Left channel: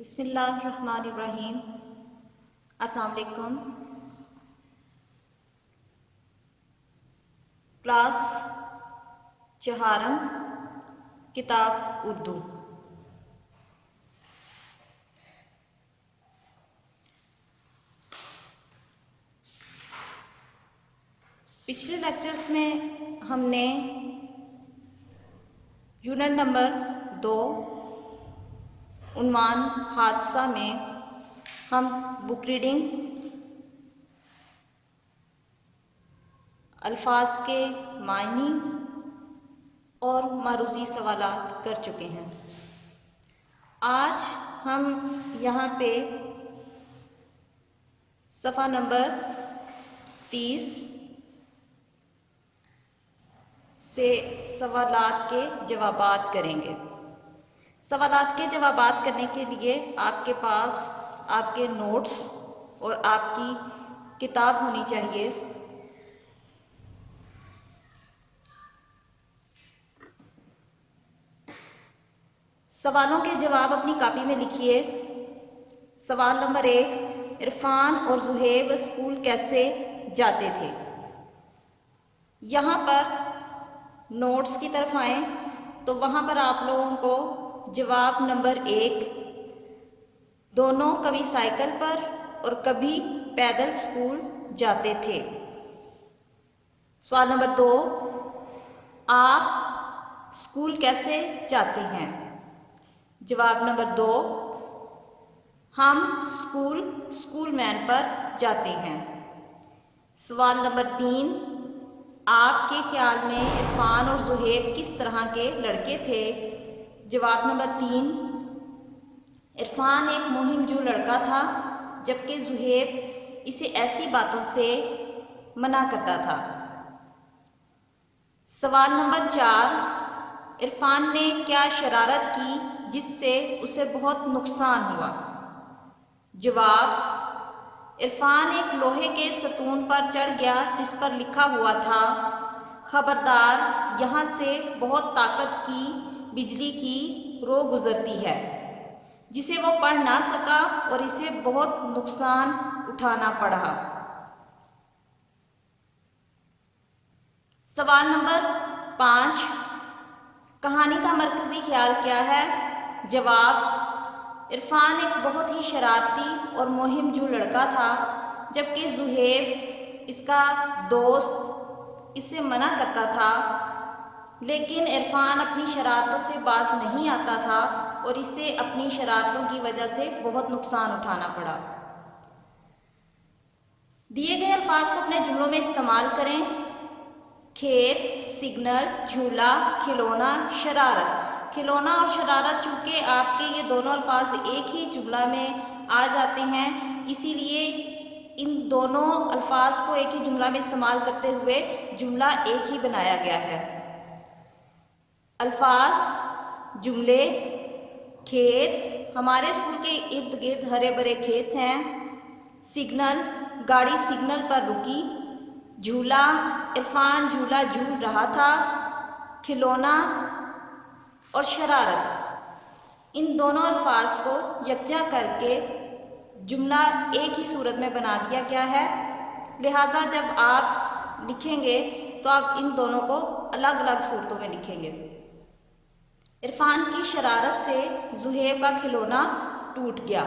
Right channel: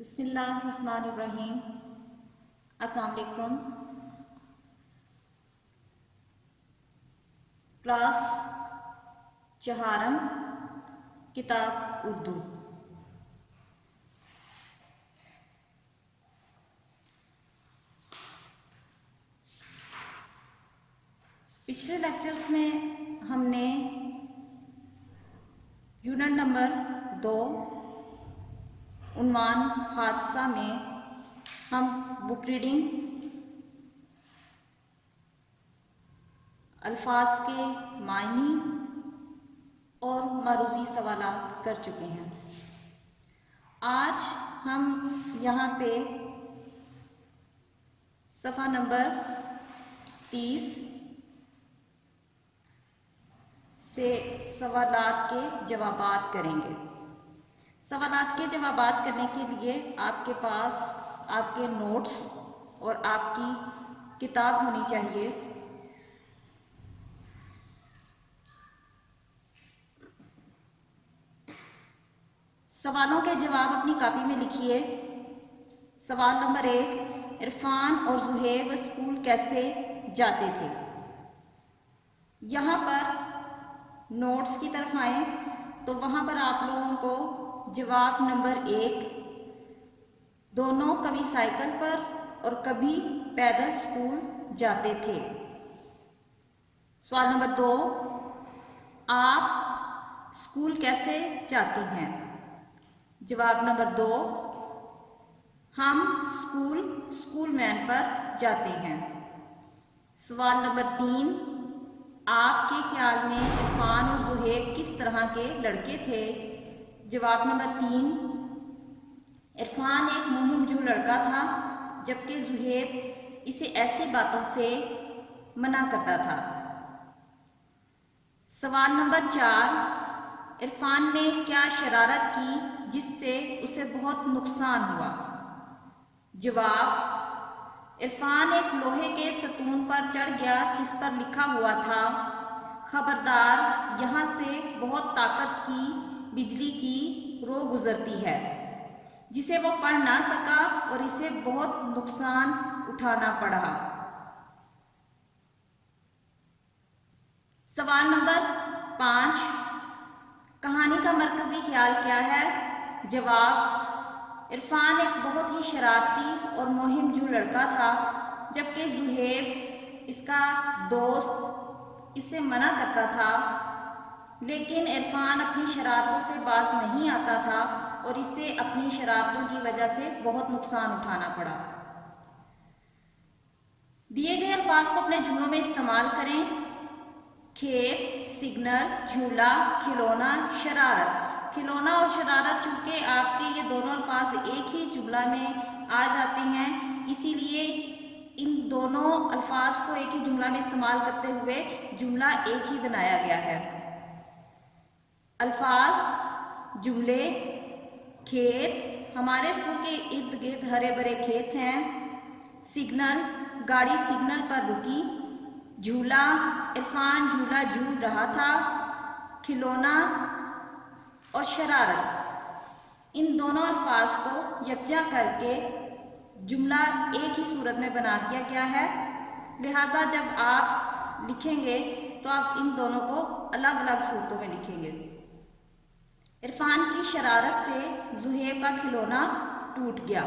بسم اللہ الرحمن الرحیم۔ السلام علیکم۔ کلاس چہارم، کتاب اردو۔ پچھلے لیکچرز میں ہم نے یونٹ نمبر 2 عنوان حادثہ میں ہم بک ریڈنگ، الفاظ کے معنی اور معروضی سوالات کر چکے ہیں۔ آج ہم یہاں پہ صفحہ نمبر 30 سے سوالات کے جوابات کریں گے۔ سوالات کے جوابات کرنے کے لیے آپ کے پاس آپ کے نوٹس اور آپ کی کتاب ہونی چاہیے۔ سوالوں کے جواب اپنی کاپی میں لکھیے۔ سوال نمبر 1، عرفان اور زہیب اسکول کیسے جاتے تھے؟ یہاں پر نوٹس کی طرف آئیں تو وہاں پر آپ لوگوں کو جواب نمبر 1، دونوں کبھی سائیکل پر اور کبھی پیدل اسکول جاتے تھے۔ سوال نمبر 2، آپ اسکول کیسے جاتے ہیں؟ جواب نمبر 2، ہم اسکول وین پر جاتے ہیں۔ سوال نمبر 3، آپ کے خیال میں عرفان اور زہیب کس طرح کے لڑکے تھے؟ جواب نمبر 3، عرفان ایک مہم جو لڑکا تھا جبکہ زہیب اسے ایسی باتوں سے منع کرتا تھا۔ سوال نمبر 4، عرفان نے کیا شرارت کی جس سے اسے بہت نقصان ہوا؟ جواب، عرفان ایک لوہے کے ستون پر چڑھ گیا جس پر لکھا ہوا تھا، خبردار یہاں سے بہت طاقت کی بجلی کی رو گزرتی ہے، جسے وہ پڑھ نہ سکا اور اسے بہت نقصان اٹھانا پڑا۔ سوال نمبر 5، کہانی کا مرکزی خیال کیا ہے؟ جواب، عرفان ایک بہت ہی شرارتی اور مہم جو لڑکا تھا جبکہ زہیب اس کا دوست اسے منع کرتا تھا، لیکن عرفان اپنی شرارتوں سے باز نہیں آتا تھا اور اسے اپنی شرارتوں کی وجہ سے بہت نقصان اٹھانا پڑا۔ دیے گئے الفاظ کو اپنے جملوں میں استعمال کریں۔ کھیت، سگنل، جھولا، کھلونا، شرارت۔ کھلونا اور شرارت چونکہ آپ کے یہ دونوں الفاظ ایک ہی جملہ میں آ جاتے ہیں، اسی لیے ان دونوں الفاظ کو ایک ہی جملہ میں استعمال کرتے ہوئے جملہ ایک ہی بنایا گیا ہے۔ الفاظ، جملے، کھیت، ہمارے اسکول کے ارد گرد ہرے بھرے کھیت ہیں۔ سگنل، گاڑی سگنل پر رکی۔ جھولا، عرفان جھولا جھول رہا تھا۔ کھلونا اور شرارت، ان دونوں الفاظ کو یکجا کر کے جملہ ایک ہی صورت میں بنا دیا گیا ہے، لہٰذا جب آپ لکھیں گے تو آپ ان دونوں کو الگ الگ صورتوں میں لکھیں گے۔ عرفان کی شرارت سے زہیب کا کھلونا ٹوٹ گیا۔